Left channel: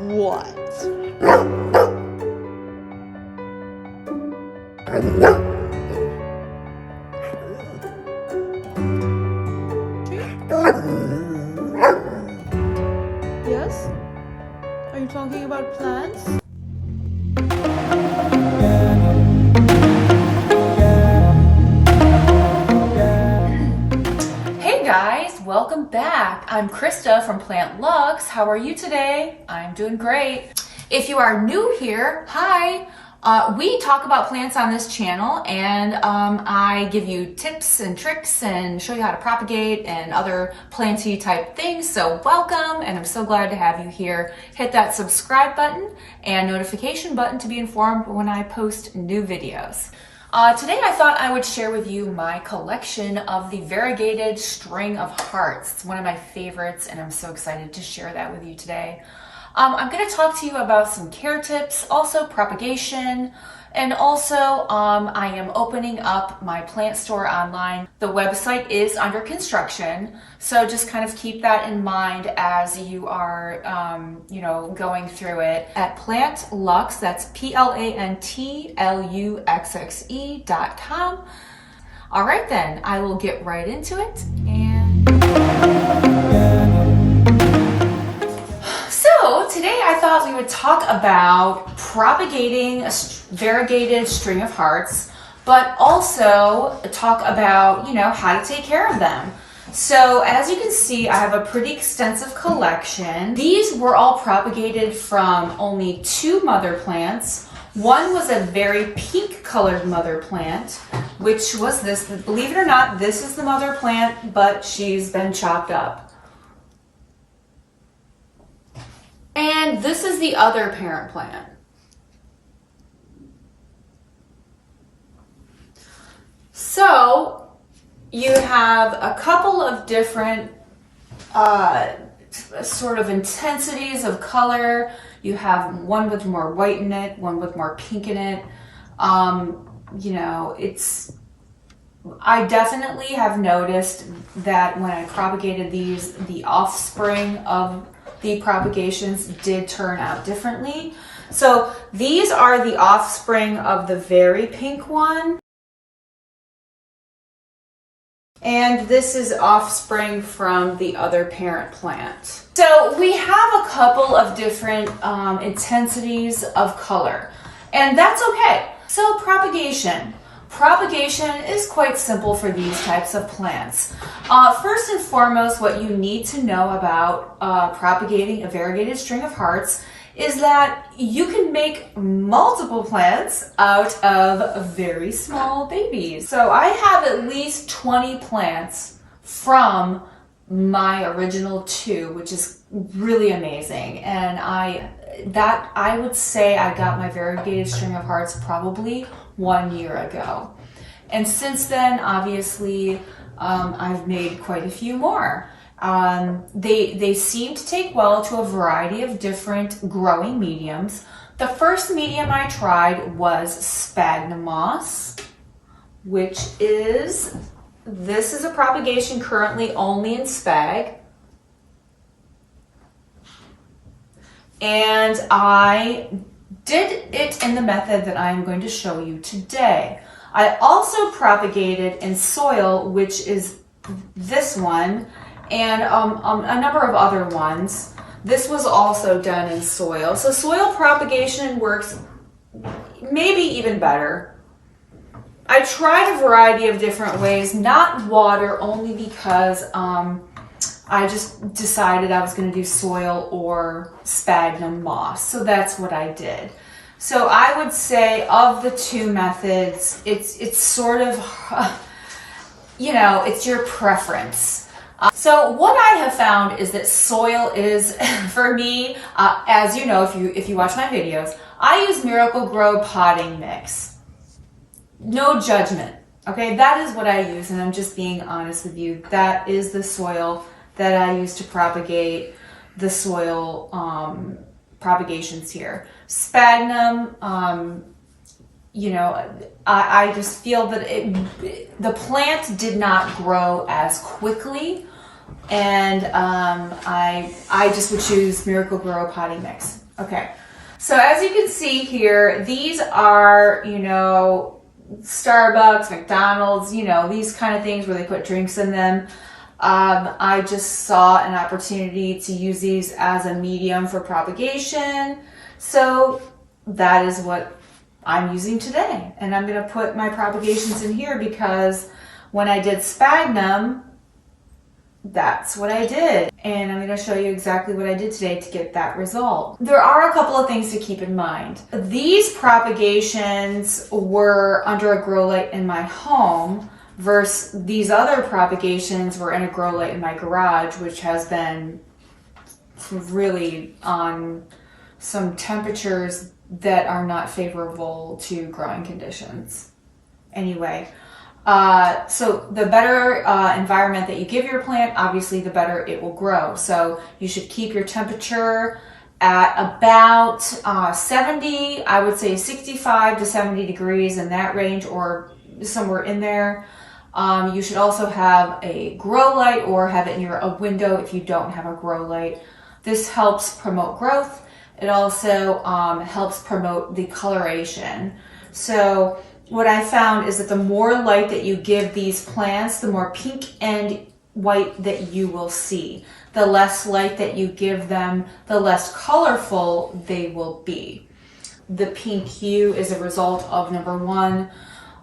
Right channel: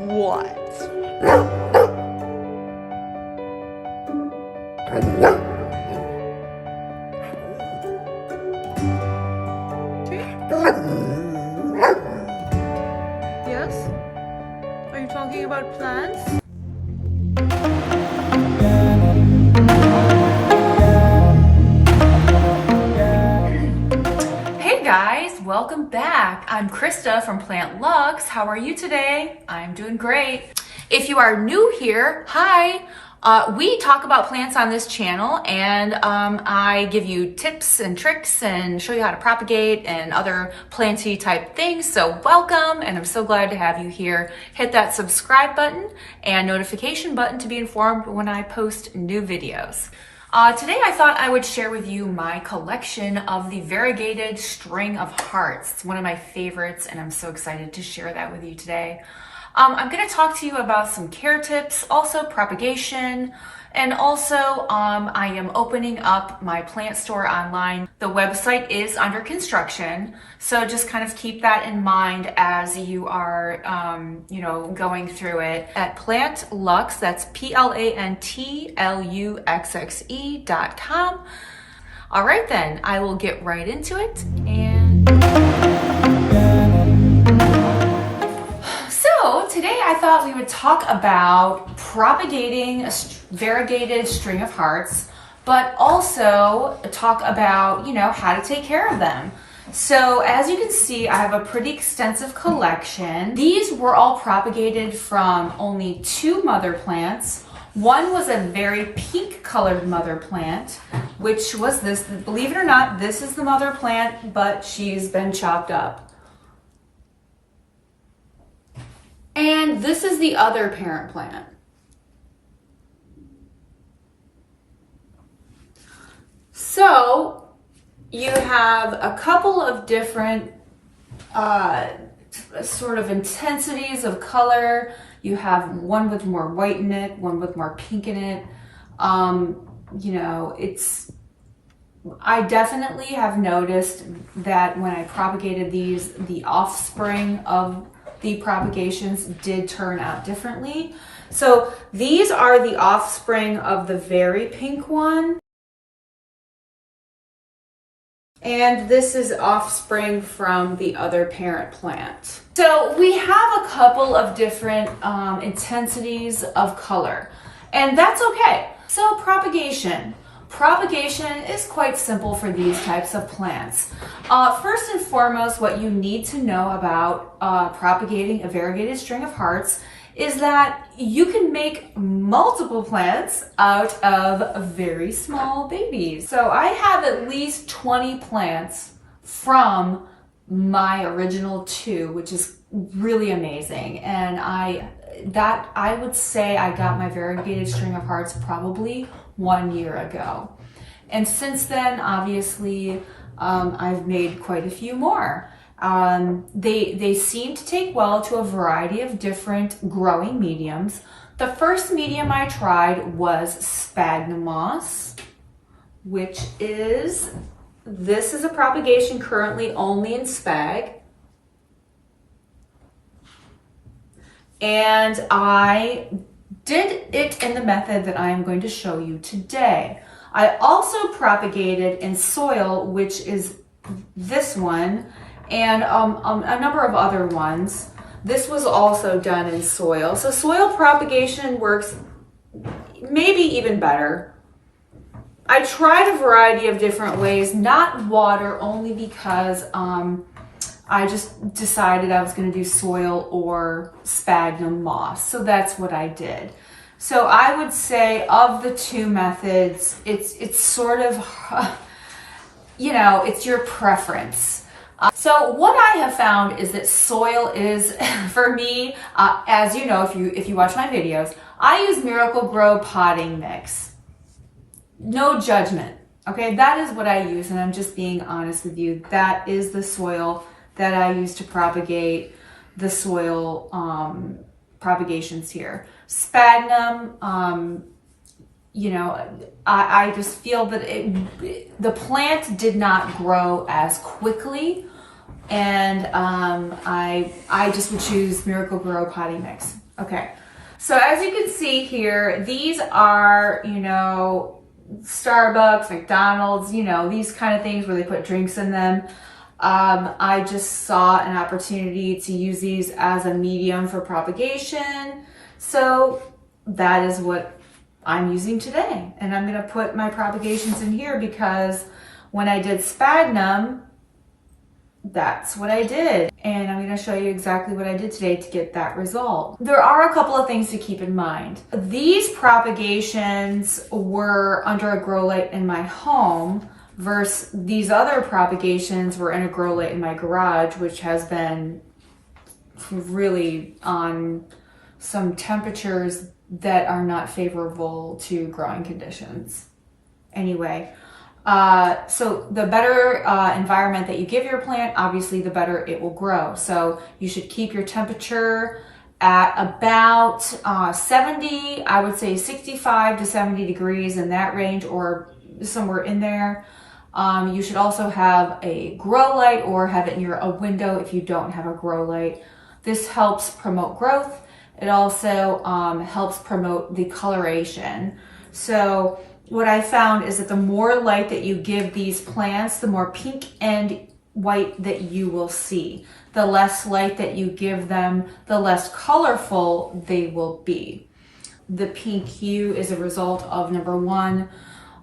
What? Yes? Are you talking about plants? Hey guys, welcome back. I'm Krista from Plant Lux. How are you today? I'm doing great. If you are new here, hi. We talk about plants on this channel, and I give you tips and tricks and show you how to propagate and other planty type things. So welcome, and I'm so glad to have you here. Hit that subscribe button and notification button to be informed when I post new videos. Today I thought I would share with you my collection of the Variegated String of Hearts. It's one of my favorites, and I'm so excited to share that with you today. I'm going to talk to you about some care tips, also propagation, and also I am opening up my plant store online. The website is under construction, so just kind of keep that in mind as you are, going through it. At Plant Lux, that's PLANTLUXXE.com. All right then, I will get right into it. So today I thought we would talk about propagating a variegated string of hearts, but also talk about, how to take care of them. So as you can see, I have a pretty extensive collection. These were all propagated from only 2 mother plants. One was a very pink colored mother plant, which was this. Believe it or not, this is the mother plant, but she's been chopped up. And this is the other parent plant. So you have a couple of different sort of intensities of color. You have one with more white in it, one with more pink in it. I definitely have noticed that when I propagated these, the offspring of the propagations did turn out differently. So these are the offspring of the very pink one. And this is offspring from the other parent plant. So we have a couple of different intensities of color, and that's okay. So propagation. Propagation is quite simple for these types of plants. First and foremost, what you need to know about propagating a variegated string of hearts is that you can make multiple plants out of very small babies. So I have at least 20 plants from my original 2, which is really amazing. And I would say I got my variegated string of hearts probably 1 year ago. And since then, obviously, I've made quite a few more. They seem to take well to a variety of different growing mediums. The first medium I tried was sphagnum moss, this is a propagation currently only in spag. And I did it in the method that I'm going to show you today. I also propagated in soil, which is this one, and a number of other ones. This was also done in soil. So soil propagation works maybe even better. I tried a variety of different ways, not water, only because I just decided I was going to do soil or sphagnum moss. So that's what I did. So I would say of the 2 methods, it's sort of, it's your preference. So what I have found is that soil is, for me, as you know, if you watch my videos, I use Miracle-Gro potting mix. No judgment, okay? That is what I use, and I'm just being honest with you. That is the soil that I use to propagate the soil propagations here. Sphagnum, I just feel that the plant did not grow as quickly, and I just would choose Miracle-Gro potting mix. Okay, so as you can see here, these are, you know, Starbucks, McDonald's, you know, these kind of things where they put drinks in them. I just saw an opportunity to use these as a medium for propagation. So that is what I'm using today. And I'm gonna put my propagations in here because when I did sphagnum, that's what I did. And I'm gonna show you exactly what I did today to get that result. There are a couple of things to keep in mind. These propagations were under a grow light in my home versus these other propagations were in a grow light in my garage, which has been really on some temperatures that are not favorable to growing conditions. Anyway, so the better environment that you give your plant, obviously the better it will grow. So you should keep your temperature at about 70, I would say 65 to 70 degrees in that range or somewhere in there. You should also have a grow light or have it near a window if you don't have a grow light. This helps promote growth. It also helps promote the coloration. So what I found is that the more light that you give these plants, the more pink and white that you will see. The less light that you give them, the less colorful they will be. The pink hue is a result of, number one,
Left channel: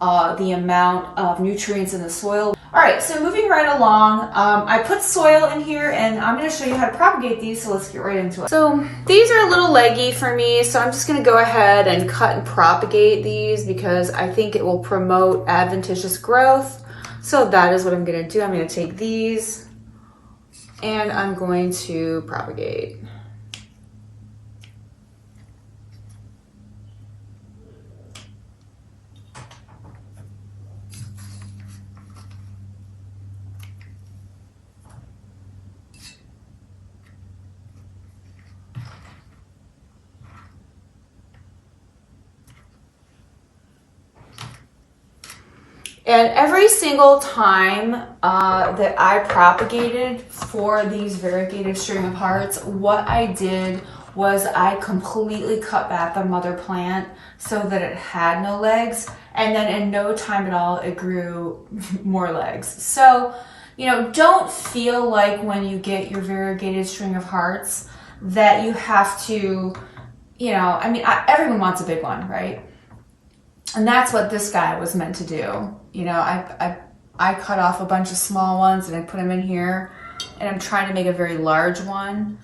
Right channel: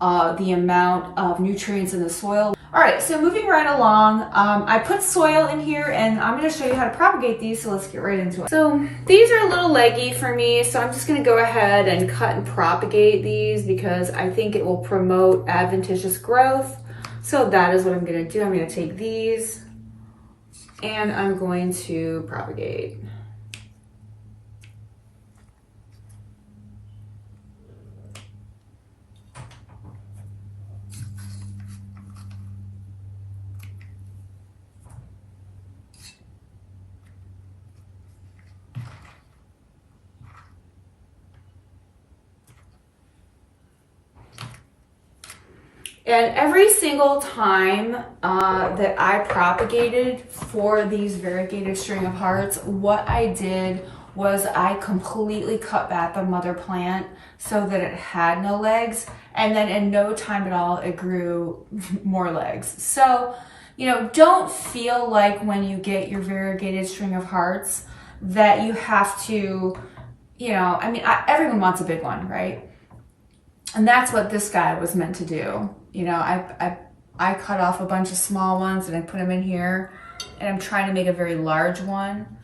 the amount of nutrients in the soil. All right, so moving right along, I put soil in here and I'm gonna show you how to propagate these, so let's get right into it. So these are a little leggy for me, so I'm just gonna go ahead and cut and propagate these because I think it will promote adventitious growth. So that is what I'm gonna do. I'm gonna take these and I'm going to propagate. And every single time that I propagated for these variegated string of hearts, what I did was I completely cut back the mother plant so that it had no legs. And then in no time at all, it grew more legs. So, you know, don't feel like when you get your variegated string of hearts that you have to, you know, I mean, everyone wants a big one, right? And that's what this guy was meant to do. You know, I cut off a bunch of small ones and I put them in here and I'm trying to make a very large one.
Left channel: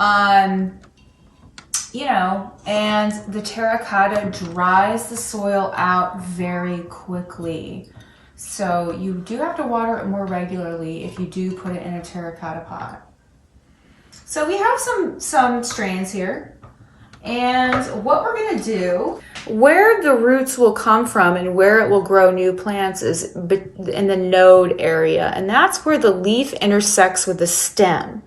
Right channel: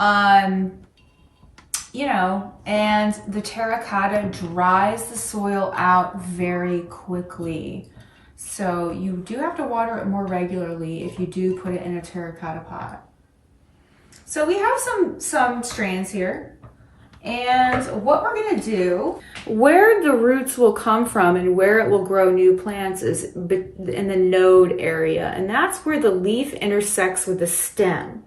You know, and the terracotta dries the soil out very quickly. So you do have to water it more regularly if you do put it in a terracotta pot. So we have some strands here. And what we're gonna do, where the roots will come from and where it will grow new plants is in the node area. And that's where the leaf intersects with the stem.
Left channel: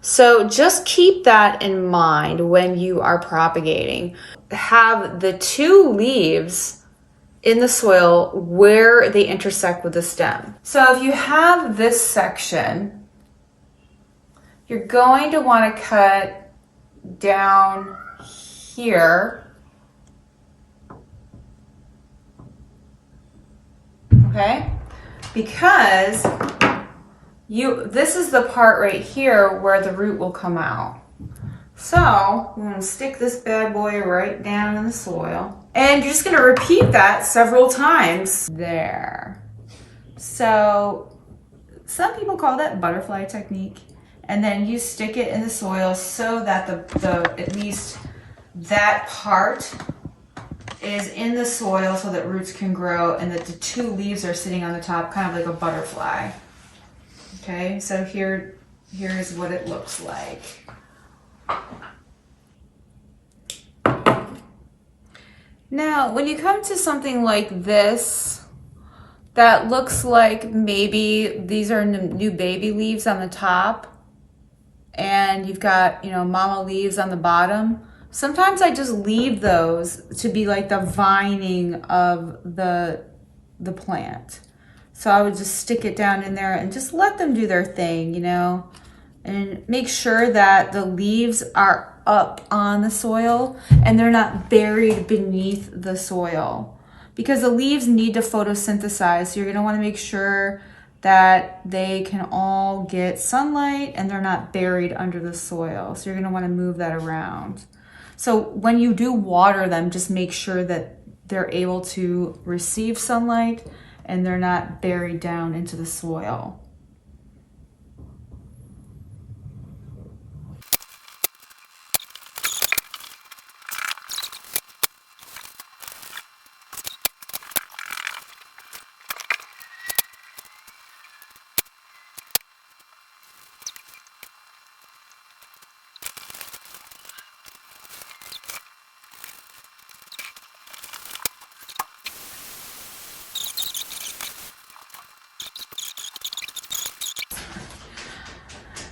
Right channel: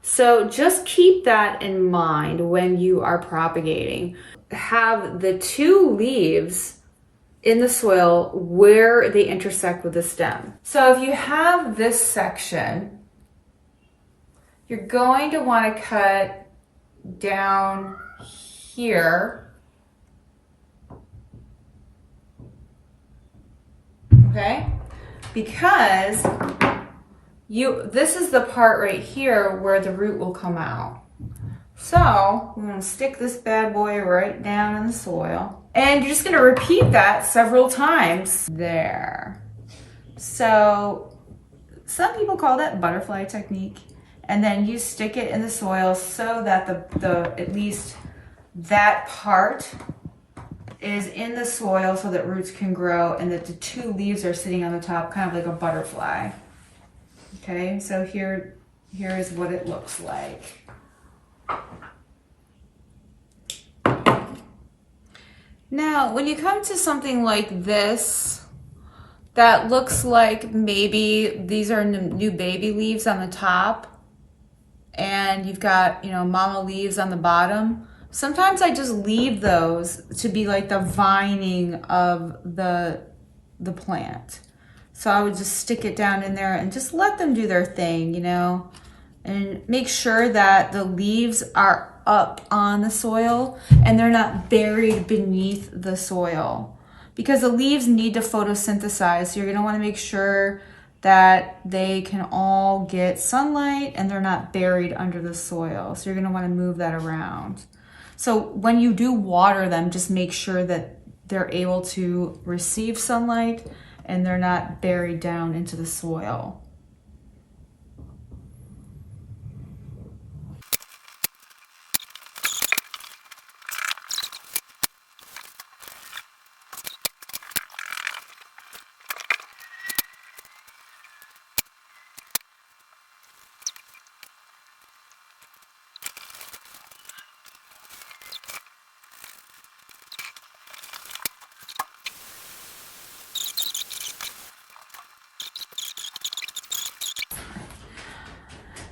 So just keep that in mind when you are propagating. Have the two leaves in the soil where they intersect with the stem. So if you have this section, you're going to want to cut down here, okay? Because this is the part right here where the root will come out. So we're gonna stick this bad boy right down in the soil. And you're just gonna repeat that several times. There. So some people call that butterfly technique. And then you stick it in the soil so that at least that part is in the soil so that roots can grow and that the two leaves are sitting on the top, kind of like a butterfly. Okay, so here is what it looks like. Now, when you come to something like this, that looks like maybe these are new baby leaves on the top and you've got, you know, mama leaves on the bottom. Sometimes I just leave those to be like the vining of the plant. So I would just stick it down in there and just let them do their thing, you know, and make sure that the leaves are up on the soil and they're not buried beneath the soil, because the leaves need to photosynthesize. So you're going to want to make sure that they can all get sunlight and they're not buried under the soil. So you're going to want to move that around. So when you do water them, just make sure that they're able to receive sunlight and they're not buried down into the soil.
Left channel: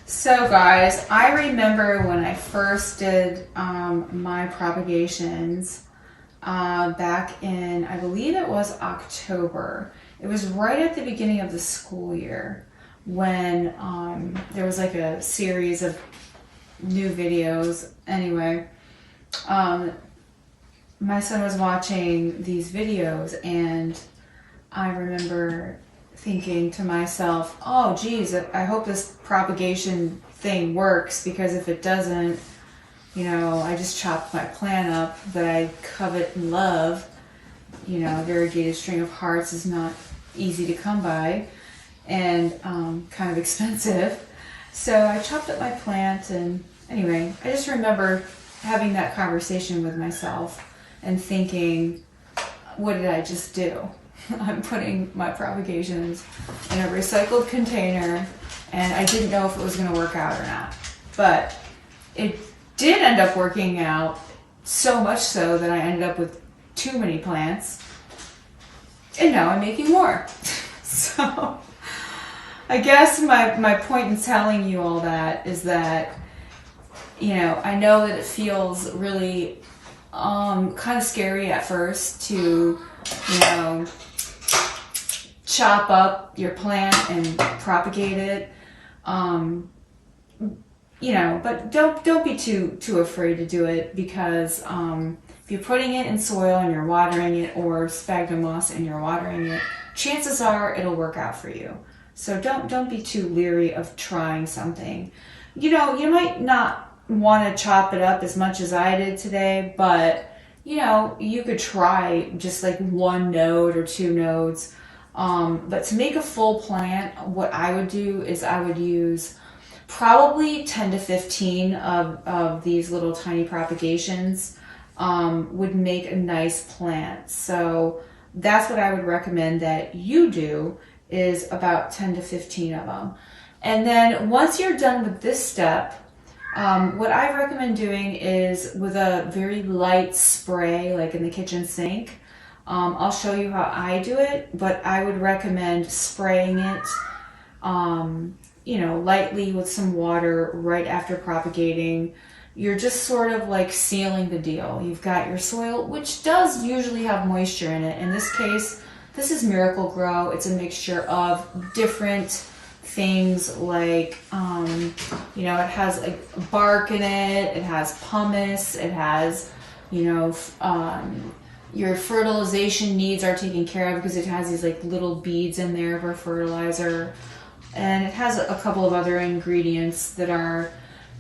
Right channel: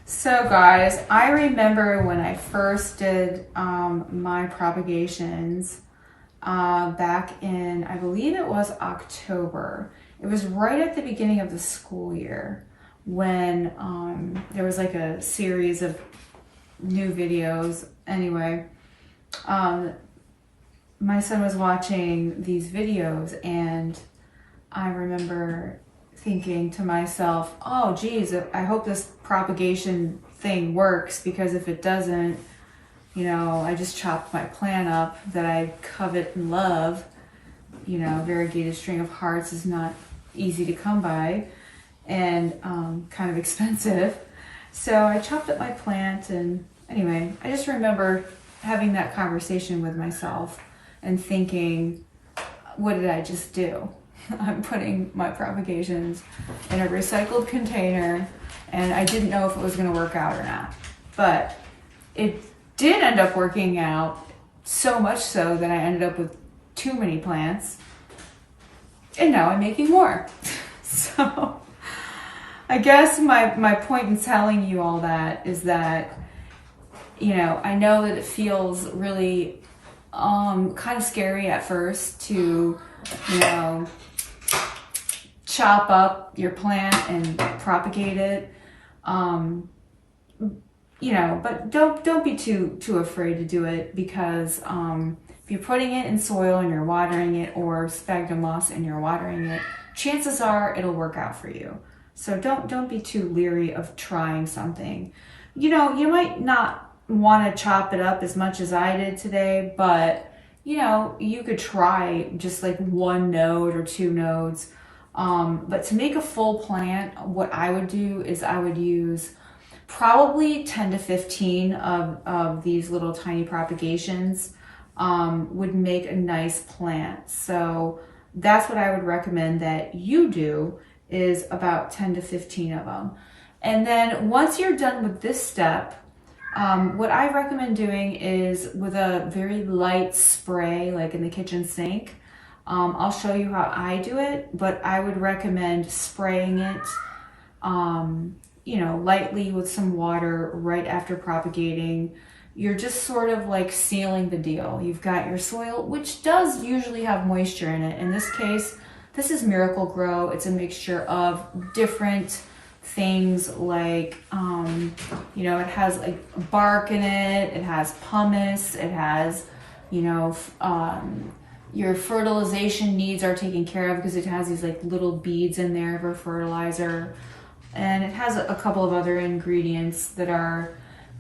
So guys, I remember when I first did my propagations back in, I believe it was October. It was right at the beginning of the school year when there was like a series of new videos. Anyway, my son was watching these videos and I remember thinking to myself, oh geez, I hope this propagation thing works, because if it doesn't, you know, I just chopped my plant up that I covet and love. You know, a variegated string of hearts is not easy to come by and kind of expensive. So I chopped up my plant, and anyway, I just remember having that conversation with myself and thinking, what did I just do? I'm putting my propagations in a recycled container and I didn't know if it was going to work out or not. But it did end up working out, so much so that I ended up with too many plants. And now I'm making more. So I guess my point in telling you all that is that, you know, I know that it feels really kind of scary at first to, you know, chop up your plant and propagate it, you know, but don't be too afraid to do it, because if you're putting it in soil and you're watering it, or sphagnum moss and you're watering it, chances are it'll work out for you. So don't be too leery of trying something. You know, you might not want to chop it up as much as I did today, but you know, you could try just like 1 node or 2 nodes. But to make a full plant, what I would do is I would use probably 10 to 15 of these little tiny propagations would make a nice plant. So that's what I would recommend that you do, is about 10 to 15 of them. And then once you're done with this step, what I recommend doing is with a very light spray, like in the kitchen sink. I'll show you how I do it, but I would recommend spraying it, you know, lightly with some water right after propagating. You're just sort of like sealing the deal. You've got your soil, which does usually have moisture in it. In this case, this is Miracle Grow. It's a mixture of different things like, you know, it has like bark in it, it has pumice, it has, you know, your fertilization needs are taken care of because it has these like little beads in there for fertilizer. And it has a couple of other ingredients that are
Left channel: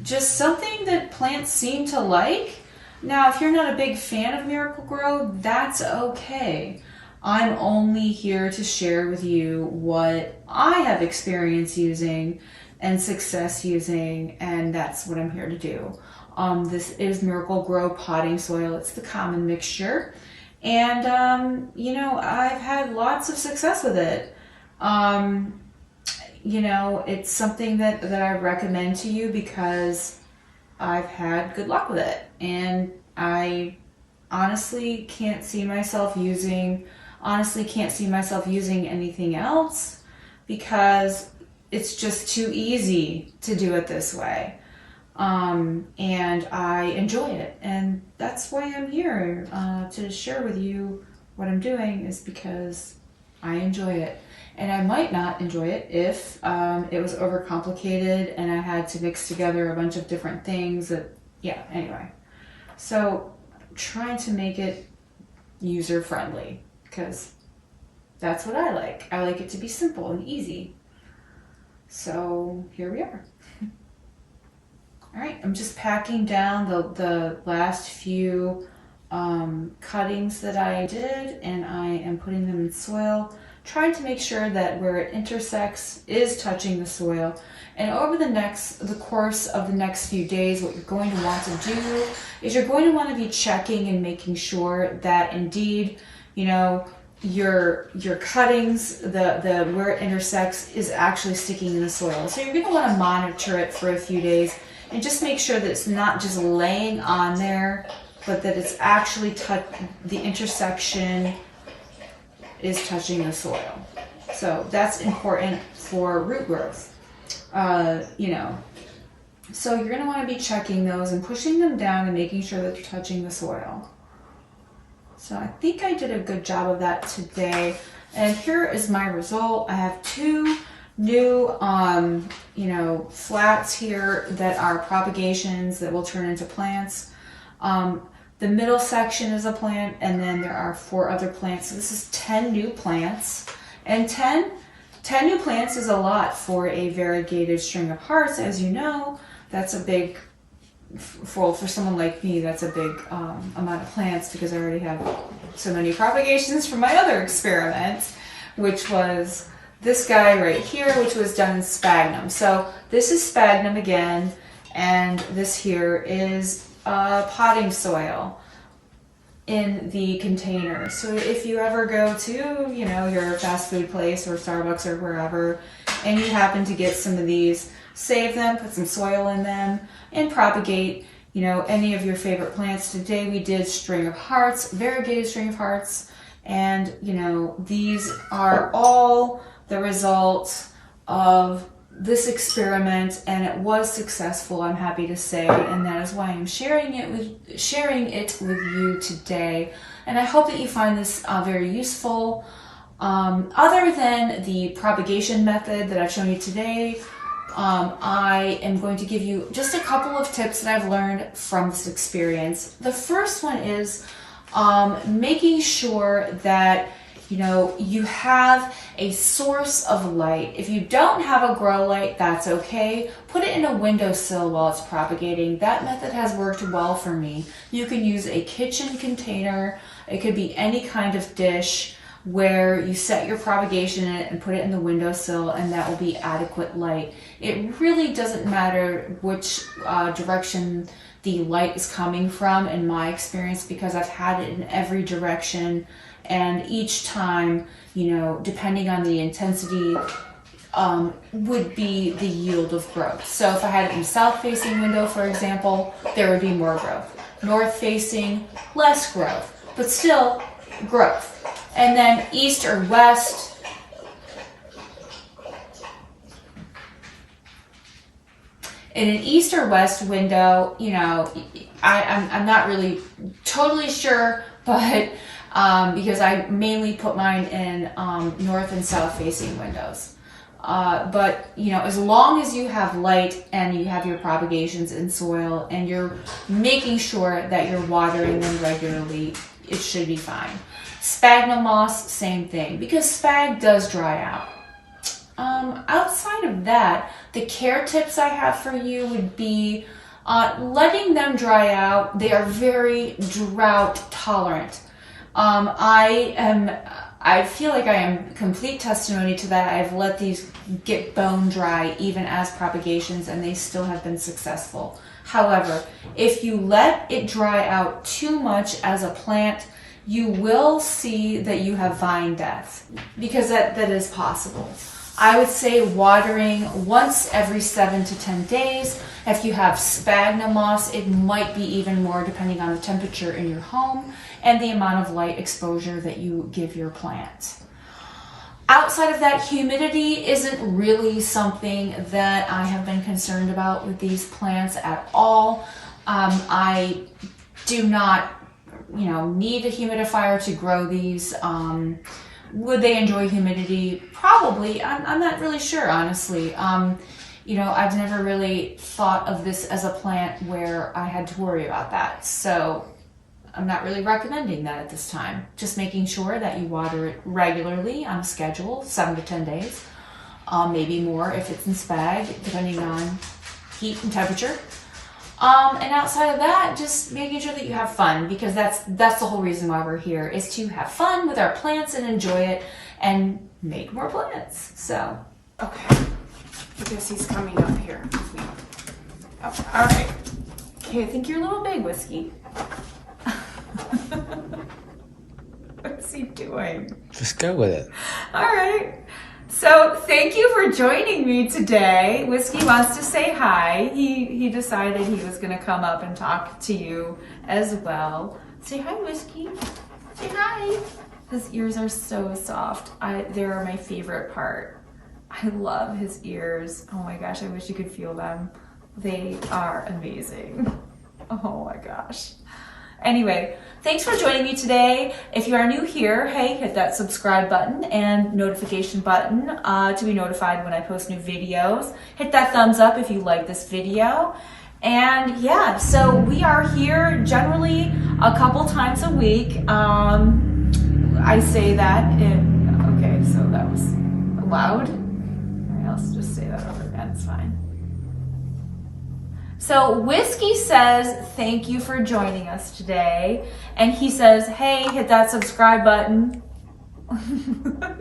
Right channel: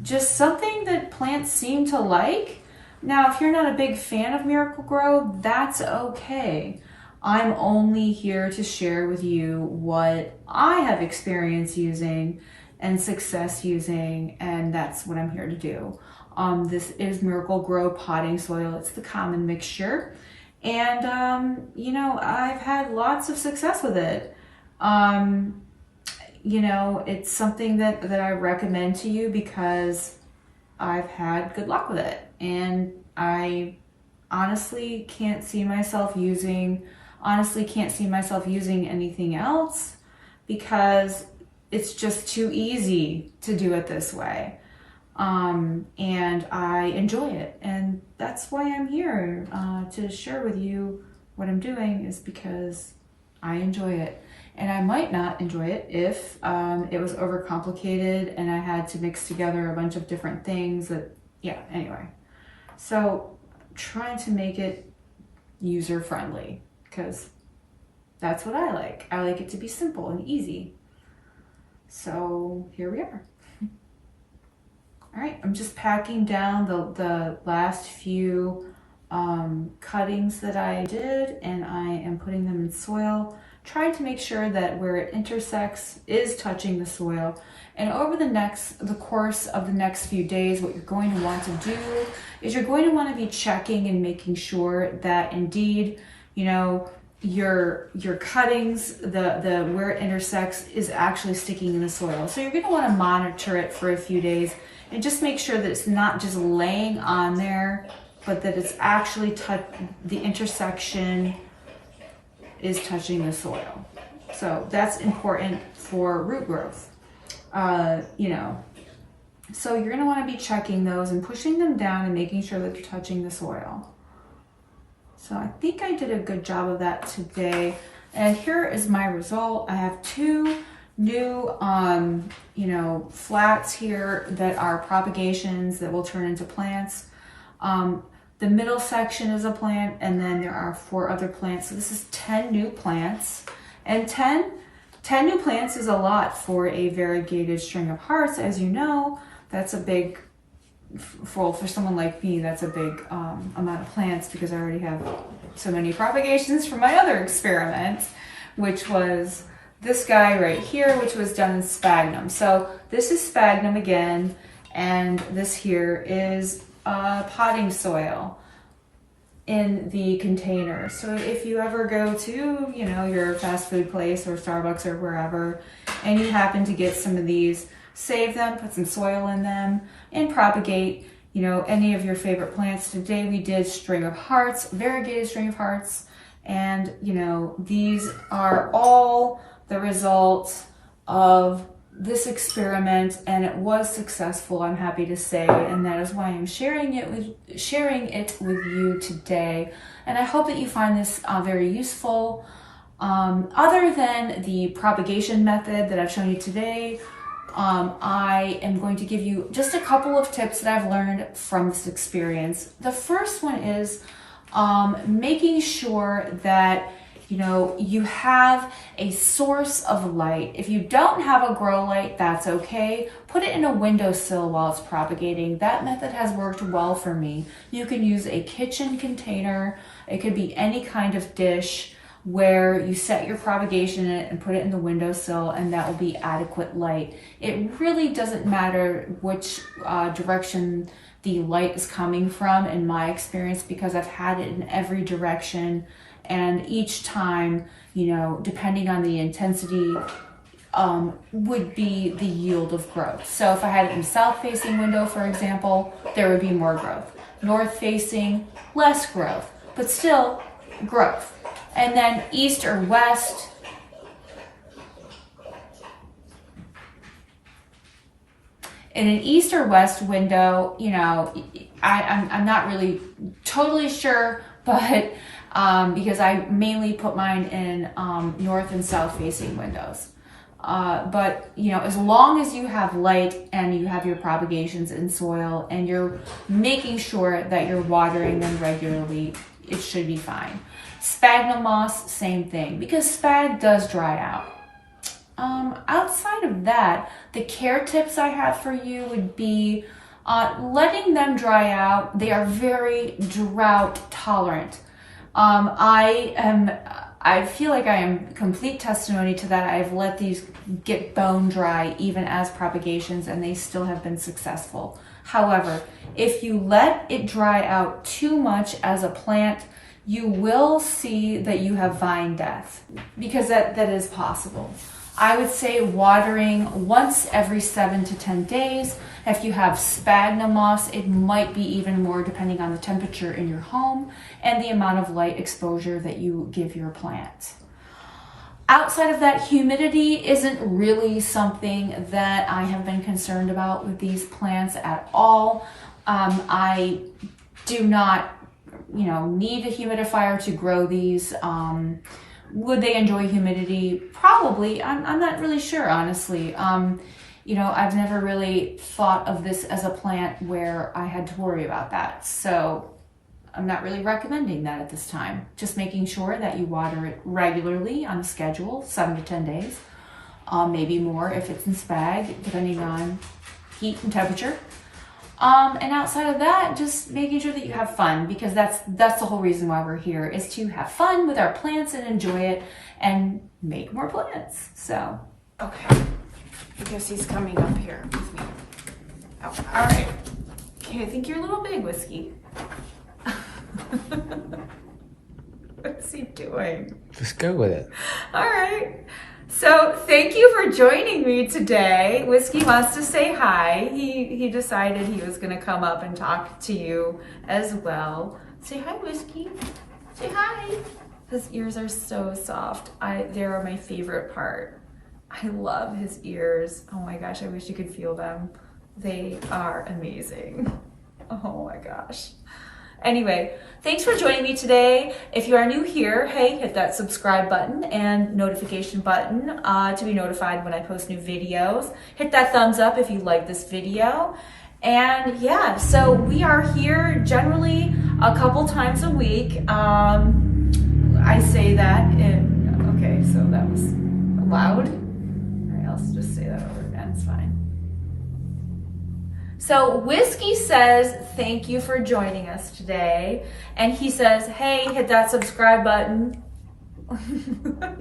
just something that plants seem to like. Now, if you're not a big fan of Miracle Grow, that's okay. I'm only here to share with you what I have experience using and success using, and that's what I'm here to do. This is Miracle Grow potting soil. It's the common mixture. And, you know, I've had lots of success with it. You know, it's something that I recommend to you because I've had good luck with it. And I honestly can't see myself using anything else, because it's just too easy to do it this way. And I enjoy it. And that's why I'm here, to share with you what I'm doing, is because I enjoy it. And I might not enjoy it if it was overcomplicated and I had to mix together a bunch of different things that yeah, anyway. So trying to make it user friendly because that's what I like. I like it to be simple and easy. So here we are. All right, I'm just packing down the last few cuttings that I did, and I am putting them in soil, trying to make sure that where it intersects is touching the soil. And over the course of the next few days, what you're going to want to do is you're going to want to be checking and making sure that indeed, you know, your cuttings, the where it intersects is actually sticking in the soil. So you're going to want to monitor it for a few days and just make sure that it's not just laying on there, but that it's actually the intersection is touching the soil. So that's important for root growth. You know, so you're going to want to be checking those and pushing them down and making sure that they're touching the soil. So I think I did a good job of that today. And here is my result. I have 2 new, you know, flats here that are propagations that will turn into plants. The middle section is a plant, and then there are 4 other plants. So this is 10 new plants, and 10 new plants is a lot for a variegated string of hearts. As you know, that's a big, for someone like me, that's a big amount of plants because I already have so many propagations from my other experiment, which was this guy right here, which was done in sphagnum. So this is sphagnum again, and this here is potting soil in the container. So if you ever go to, you know, your fast food place or Starbucks or wherever, and you happen to get some of these, save them, put some soil in them, and propagate, you know, any of your favorite plants. Today we did string of hearts, variegated string of hearts, and, you know, these are all the results of this experiment, and it was successful, I'm happy to say, and that is why I'm sharing it with you today. And I hope that you find this very useful. Other than the propagation method that I've shown you today, I am going to give you just a couple of tips that I've learned from this experience. The first one is making sure that, you know, you have a source of light. If you don't have a grow light, that's okay. Put it in a windowsill while it's propagating. That method has worked well for me. You can use a kitchen container. It could be any kind of dish where you set your propagation in it and put it in the windowsill, and that will be adequate light. It really doesn't matter which direction the light is coming from in my experience, because I've had it in every direction. And each time, you know, depending on the intensity, would be the yield of growth. So if I had it in south-facing window, for example, there would be more growth. North-facing, less growth, but still growth. And then east or west, in an east or west window, you know, I'm not really totally sure, but because I mainly put mine in north and south facing windows. But, you know, as long as you have light and you have your propagations in soil and you're making sure that you're watering them regularly, it should be fine. Sphagnum moss, same thing, because spag does dry out. Outside of that, the care tips I have for you would be letting them dry out. They are very drought tolerant. I feel like I am complete testimony to that. I've let these get bone dry even as propagations, and they still have been successful. However, if you let it dry out too much as a plant, you will see that you have vine death, because that is possible. I would say watering once every 7 to 10 days. If you have sphagnum moss, it might be even more depending on the temperature in your home and the amount of light exposure that you give your plant. Outside of that, humidity isn't really something that I have been concerned about with these plants at all. I do not, you know, need a humidifier to grow these. Would they enjoy humidity? Probably. I'm not really sure, honestly. you know, I've never really thought of this as a plant where I had to worry about that. So I'm not really recommending that at this time. Just making sure that you water it regularly on a schedule, 7 to 10 days, maybe more if it's in spag, depending on heat and temperature. And outside of that, just making sure that you have fun, because that's the whole reason why we're here, is to have fun with our plants and enjoy it and make more plants. So, okay, I guess he's coming up here with me. Oh, all right. Okay, I think you're a little big, Whiskey. What's he doing? Just go with it. All right. So thank you for joining me today. Whiskey wants to say hi. He decided he was going to come up and talk to you as well. Say hi, Whiskey. Say hi. His ears are so soft. They're my favorite part. I love his ears. Oh my gosh, I wish you could feel them. They are amazing. Oh my gosh. Anyway, thanks for joining me today. If you are new here, hey, hit that subscribe button and notification button to be notified when I post new videos. Hit that thumbs up if you like this video. And yeah, so we are here generally a couple times a week. I say that okay, so that was loud. All right, I'll just say that over again, it's fine. So Whiskey says, thank you for joining us today. And he says, hey, hit that subscribe button.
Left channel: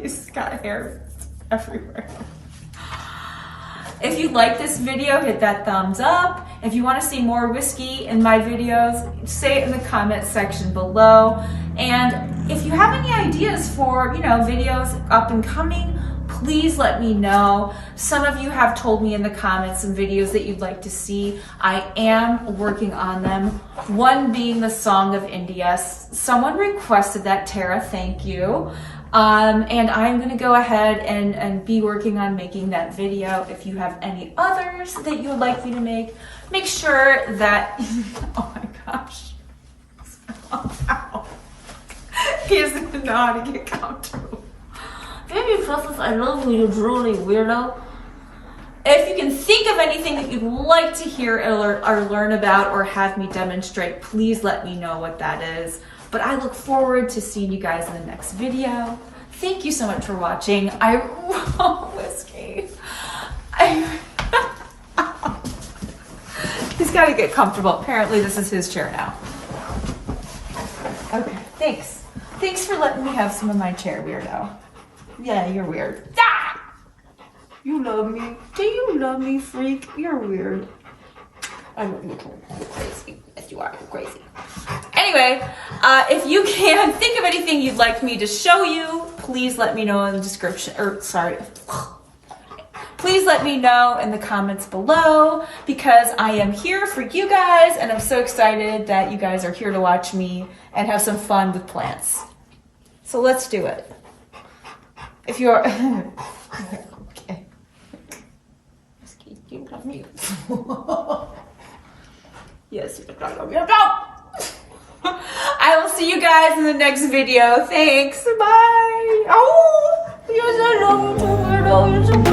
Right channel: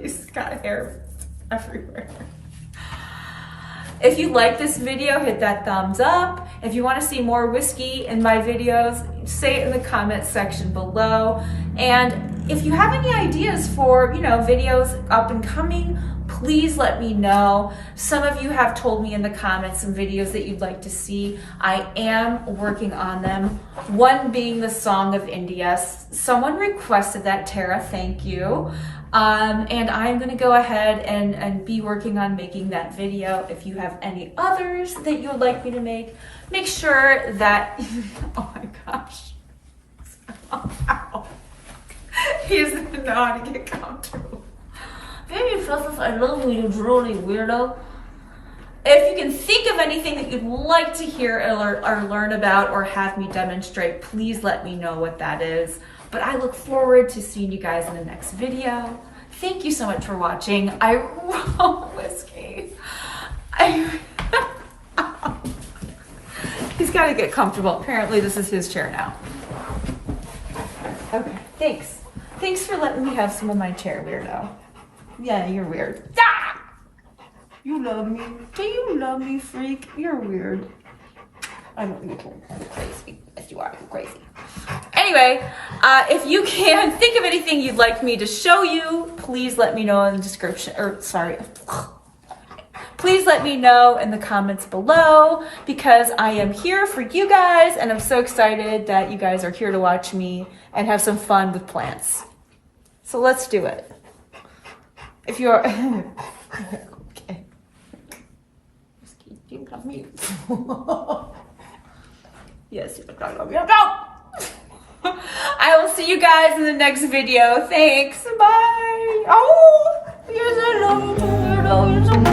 He's got hair everywhere. If you like this video, hit that thumbs up. If you want to see more Whiskey in my videos, say it in the comment section below. And if you have any ideas for, you know, videos up and coming, please let me know. Some of you have told me in the comments some videos that you'd like to see. I am working on them. One being the Song of India. Someone requested that, Tara, thank you. And I'm gonna go ahead and be working on making that video. If you have any others that you would like me to make sure that, oh my gosh. Ow. He doesn't know how to get comfortable. Baby Princess, I love you, you drooly weirdo. If you can think of anything that you'd like to hear or learn about or have me demonstrate, please let me know what that is. But I look forward to seeing you guys in the next video. Thank you so much for watching. Whiskey. He's got to get comfortable. Apparently this is his chair now. Okay, thanks. Thanks for letting me have some of my chair, weirdo. Yeah, you're weird. Ah! You love me. Do you love me, freak? You're weird. I love you too. You're crazy. Yes, you are. You're crazy. Anyway, if you can think of anything you'd like me to show you, please let me know in the description, please let me know in the comments below, because I am here for you guys and I'm so excited that you guys are here to watch me and have some fun with plants. So let's do it. If you're okay. You love me. Yes, you love me. I will see you guys in the next video. Thanks. Bye. Oh, yes, I love you too, weirdo. You're so